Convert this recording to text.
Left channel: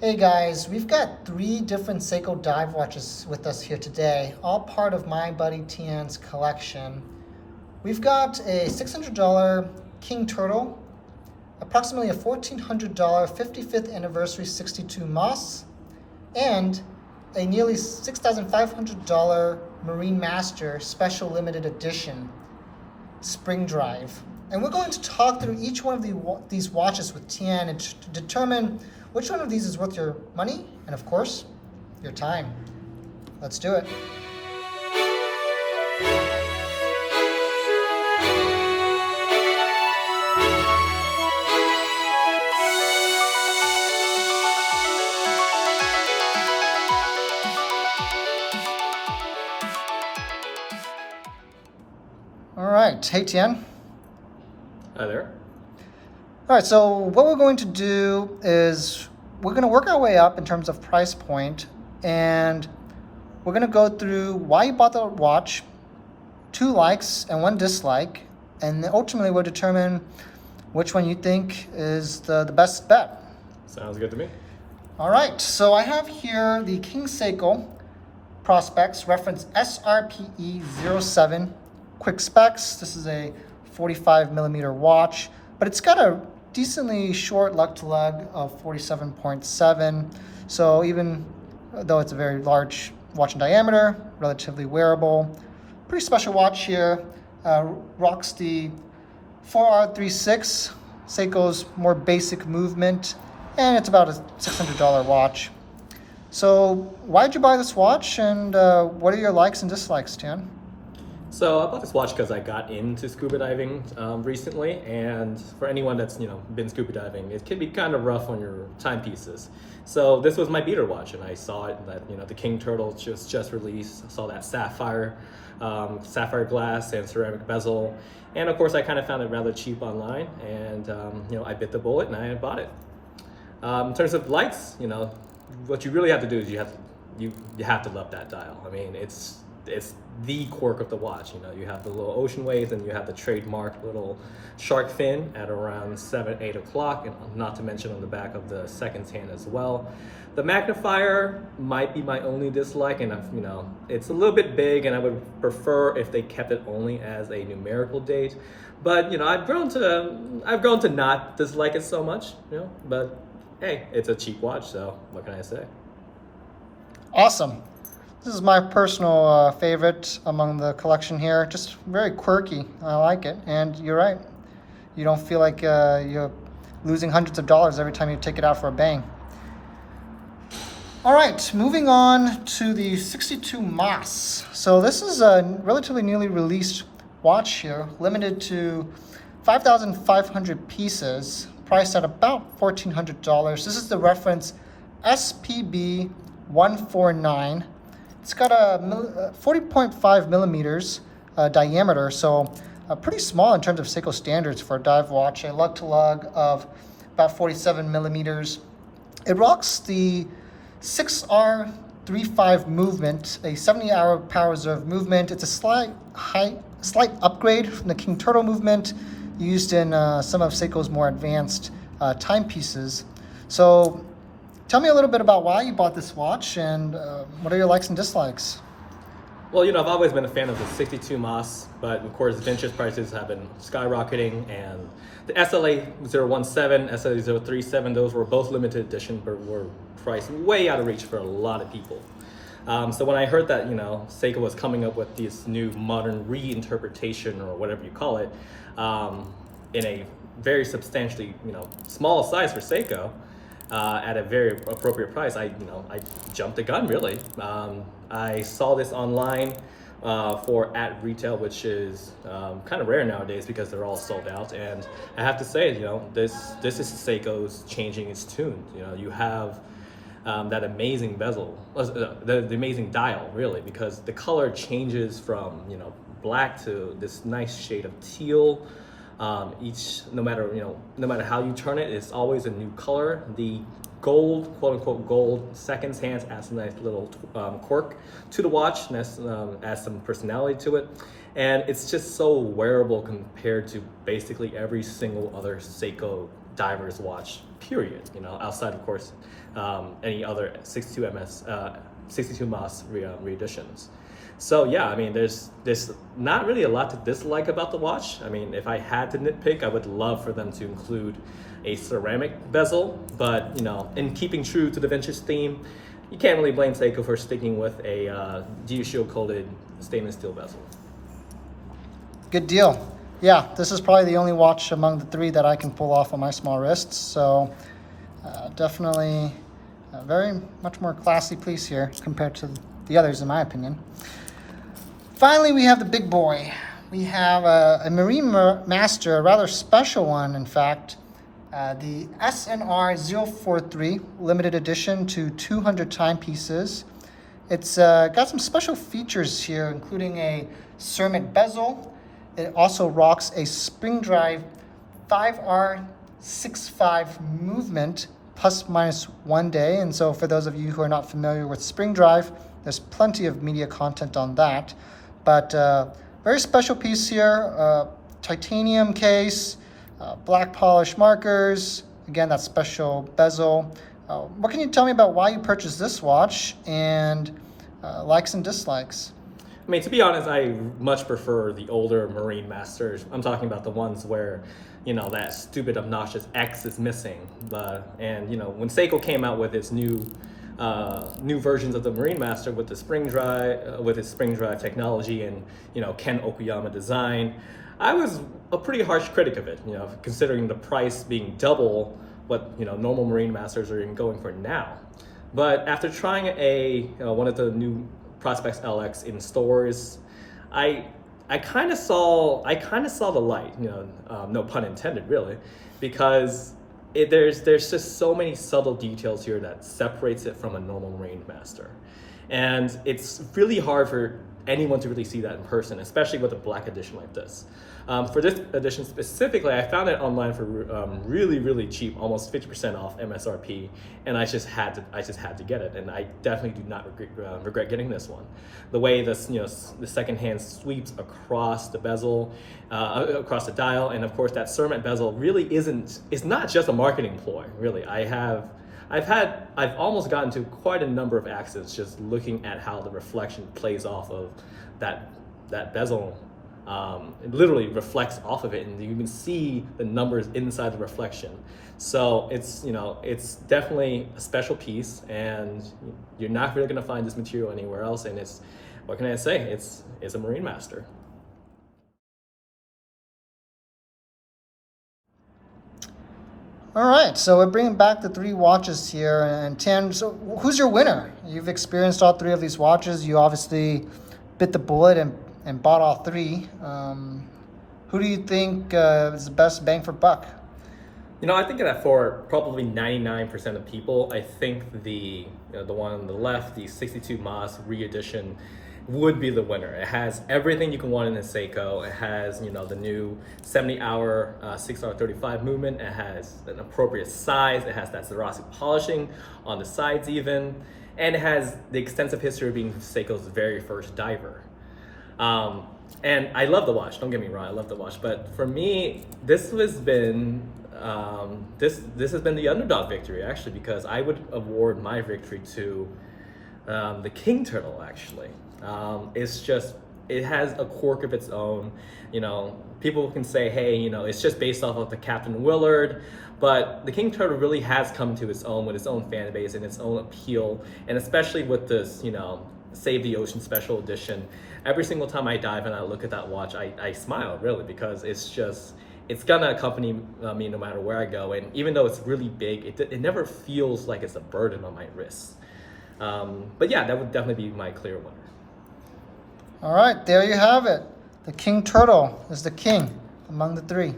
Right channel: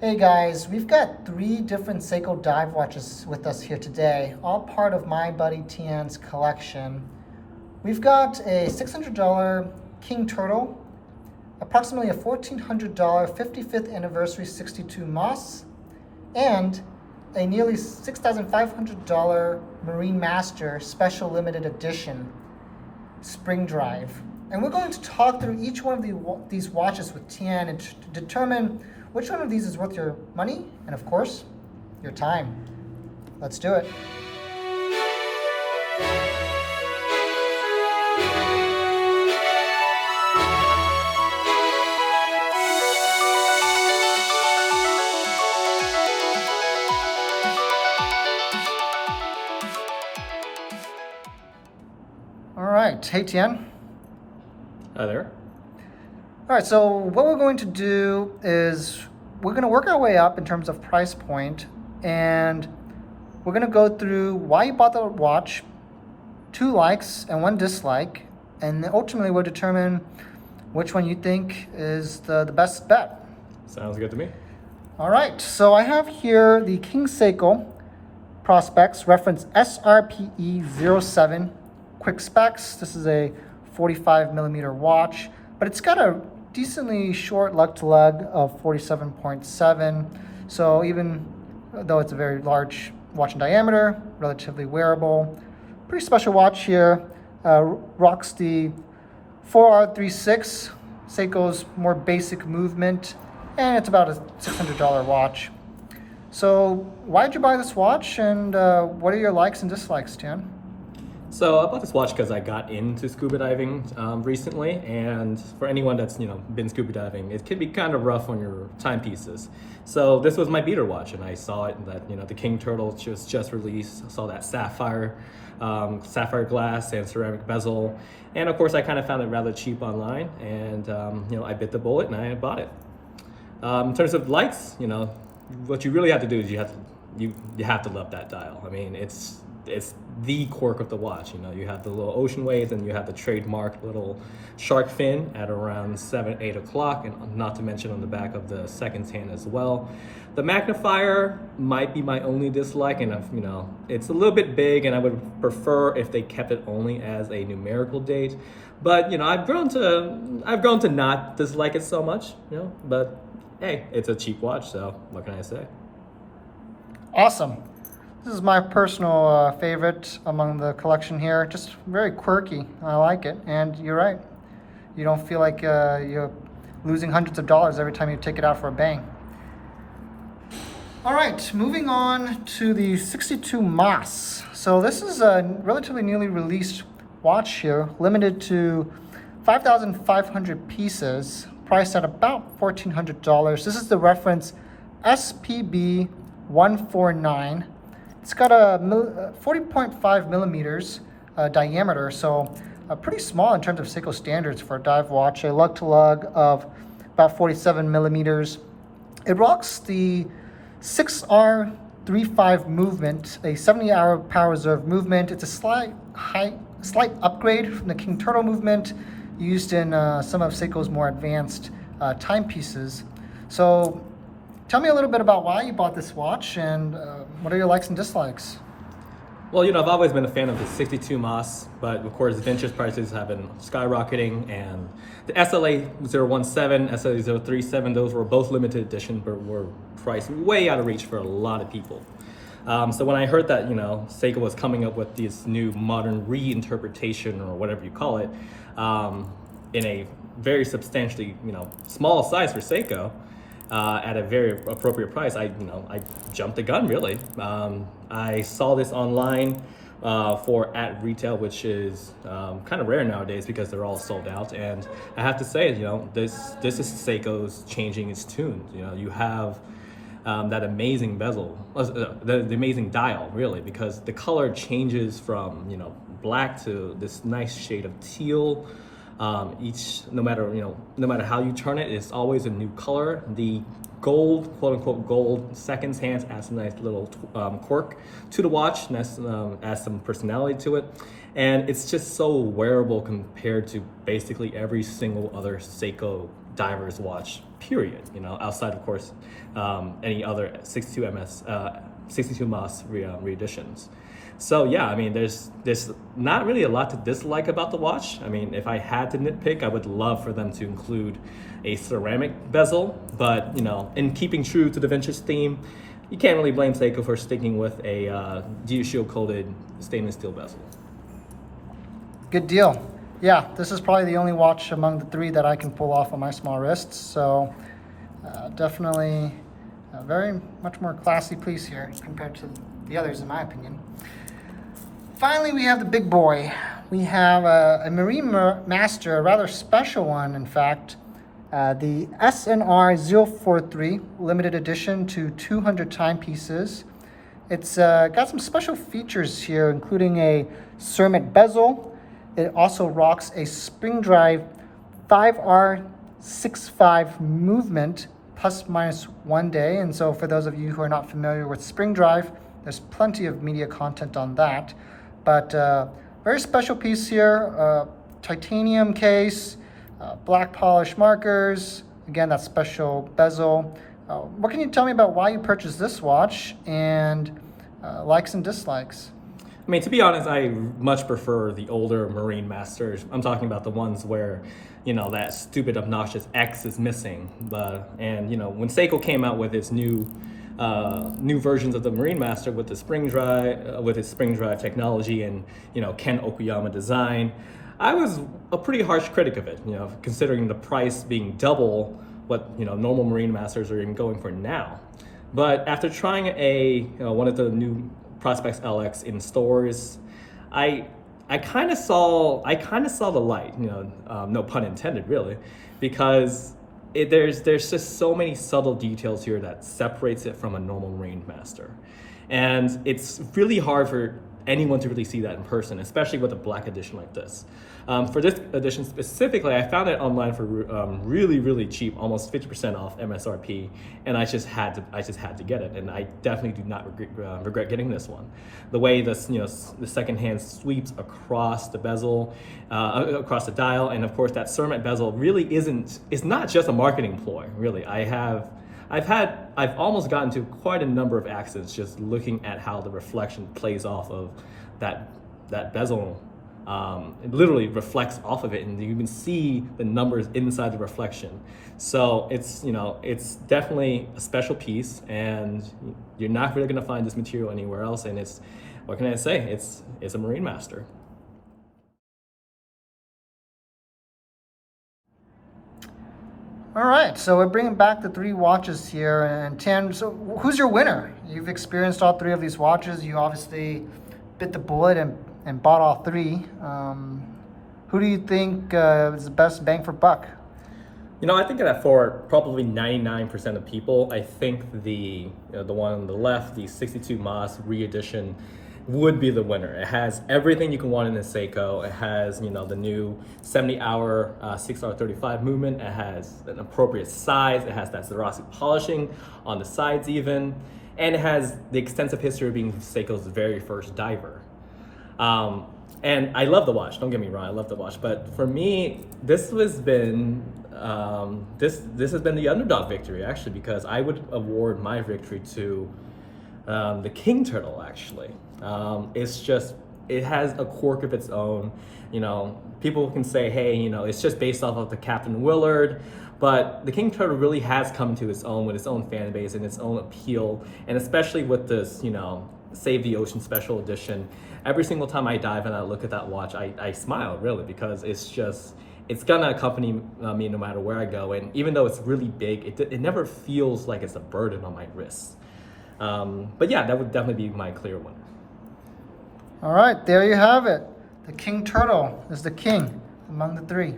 Hey guys, we've got 3 different Seiko dive watches with us here today, all part of my buddy Thien's collection. We've got a $600 King Turtle, approximately a $1,400 55th anniversary 62 Moss, and a nearly $6,500 Marine Master special limited edition Spring Drive. And we're going to talk through each one of these watches with Thien and to determine which one of these is worth your money and, of course, your time. Let's do it. All right. Hey, Thien. Hi there. All right, so what we're going to do is we're going to work our way up in terms of price point, and we're going to go through why you bought the watch, 2 likes and 1 dislike, and then ultimately we'll determine which one you think is the best bet. Sounds good to me. All right, so I have here the King Seiko Prospex, reference SRPE07, quick specs. This is a 45 millimeter watch, but it's got a decently short lug to lug of 47.7. So even though it's a very large watch in diameter, relatively wearable, pretty special watch here. Rocks the 4R36, Seiko's more basic movement, and it's about a $600 watch. So why'd you buy this watch, and what are your likes and dislikes, Thien? So I bought this watch because I got into scuba diving recently, and for anyone that's been scuba diving, it can be kind of rough on your timepieces. So this was my beater watch, and I saw it that the King Turtle just released. I saw that sapphire glass and ceramic bezel, and of course I kind of found it rather cheap online, and I bit the bullet and I bought it. In terms of likes, what you really have to do is you have to love that dial. I mean, it's the quirk of the watch. You have the little ocean waves, and you have the trademark little shark fin at around 7-8 o'clock, and not to mention on the back of the seconds hand as well. The magnifier might be my only dislike, and it's a little bit big, and I would prefer if they kept it only as a numerical date. But I've grown to not dislike it so much. But hey, it's a cheap watch, so what can I say? Awesome. This is my personal favorite among the collection here. Just very quirky. I like it. And you're right. You don't feel like you're losing hundreds of dollars every time you take it out for a bang. All right, moving on to the 62 Moss. So this is a relatively newly released watch here, limited to 5,500 pieces, priced at about $1,400. This is the reference SPB 149. It's got a 40.5 millimeters diameter, so pretty small in terms of Seiko standards for a dive watch. A lug to lug of about 47 millimeters. It rocks the 6R35 movement, a 70-hour power reserve movement. It's a slight upgrade from the King Turtle movement used in some of Seiko's more advanced timepieces. So tell me a little bit about why you bought this watch, and what are your likes and dislikes? Well, I've always been a fan of the 62 Moss, but of course vintage prices have been skyrocketing, and the SLA 017, SLA 037, those were both limited edition, but were priced way out of reach for a lot of people. So when I heard that Seiko was coming up with this new modern reinterpretation, or whatever you call it, in a very substantially small size for Seiko, at a very appropriate price, I jumped the gun really. I saw this online for at retail, which is kind of rare nowadays because they're all sold out. And I have to say, this is Seiko's changing its tune. You have that amazing bezel, the amazing dial really, because the color changes from black to this nice shade of teal. No matter how you turn it, it's always a new color. The gold, quote unquote gold seconds hands adds a nice little quirk to the watch, and adds some personality to it. And it's just so wearable compared to basically every single other Seiko diver's watch period. Outside of course any other 62 Moss reeditions. So yeah, I mean, there's not really a lot to dislike about the watch. I mean, if I had to nitpick, I would love for them to include a ceramic bezel, but in keeping true to the vintage theme, you can't really blame Seiko for sticking with a geoshield coated stainless steel bezel. Good deal. Yeah, this is probably the only watch among the three that I can pull off on my small wrists. So definitely a very much more classy piece here compared to the others, in my opinion. Finally, we have the big boy. We have a Marine Master, a rather special one, in fact. The SNR 043 limited edition to 200 timepieces. It's got some special features here, including a ceramic bezel. It also rocks a Spring Drive 5R65 movement, plus minus 1 day. And so for those of you who are not familiar with Spring Drive, there's plenty of media content on that. But very special piece here, titanium case, black polish markers, again, that special bezel. What can you tell me about why you purchased this watch and likes and dislikes? I mean, to be honest, I much prefer the older Marine Masters. I'm talking about the ones where, that stupid, obnoxious X is missing. And when Seiko came out with its new versions of the Marine Master with the Spring Drive, with its Spring Drive technology and Ken Okuyama design, I was a pretty harsh critic of it. Considering the price being double what normal Marine Masters are even going for now. But after trying one of the new Prospex LX in stores, I kind of saw the light. No pun intended, really, because there's just so many subtle details here that separates it from a normal Marine Master, and it's really hard for anyone to really see that in person, especially with a black edition like this. For this edition specifically, I found it online for really, really cheap, almost 50% off MSRP, and I just had to get it, and I definitely do not regret getting this one. The way this, the second hand sweeps across the bezel, across the dial, and of course that ceramic bezel really it's not just a marketing ploy, really. I've almost gotten to quite a number of accidents just looking at how the reflection plays off of that bezel. It literally reflects off of it, and you can see the numbers inside the reflection. So it's definitely a special piece, and you're not really going to find this material anywhere else. And what can I say? It's a Marine Master. All right, so we're bringing back the three watches here, and Thien, so who's your winner? You've experienced all three of these watches. You obviously bit the bullet and bought all three. Who do you think is the best bang for buck? I think that for probably 99% of people, I think the one on the left, the 62 Moss re-edition, would be the winner. It has everything you can want in a Seiko. It has, the new 70-hour 6R35 movement. It has an appropriate size. It has that Swarovski polishing on the sides even. And it has the extensive history of being Seiko's very first diver. And I love the watch, don't get me wrong, I love the watch. But for me, this has been the underdog victory, actually, because I would award my victory to the King Turtle, actually. It has a quirk of its own. People can say, hey, it's just based off of the Captain Willard, but the King Turtle really has come to its own with its own fan base and its own appeal, and especially with this, Save the Ocean Special Edition. Every single time I dive and I look at that watch, I smile, really, because it's gonna accompany me no matter where I go, and even though it's really big, it never feels like it's a burden on my wrists. But yeah, that would definitely be my clear winner. All right, there you have it. The King Turtle is the king among the three.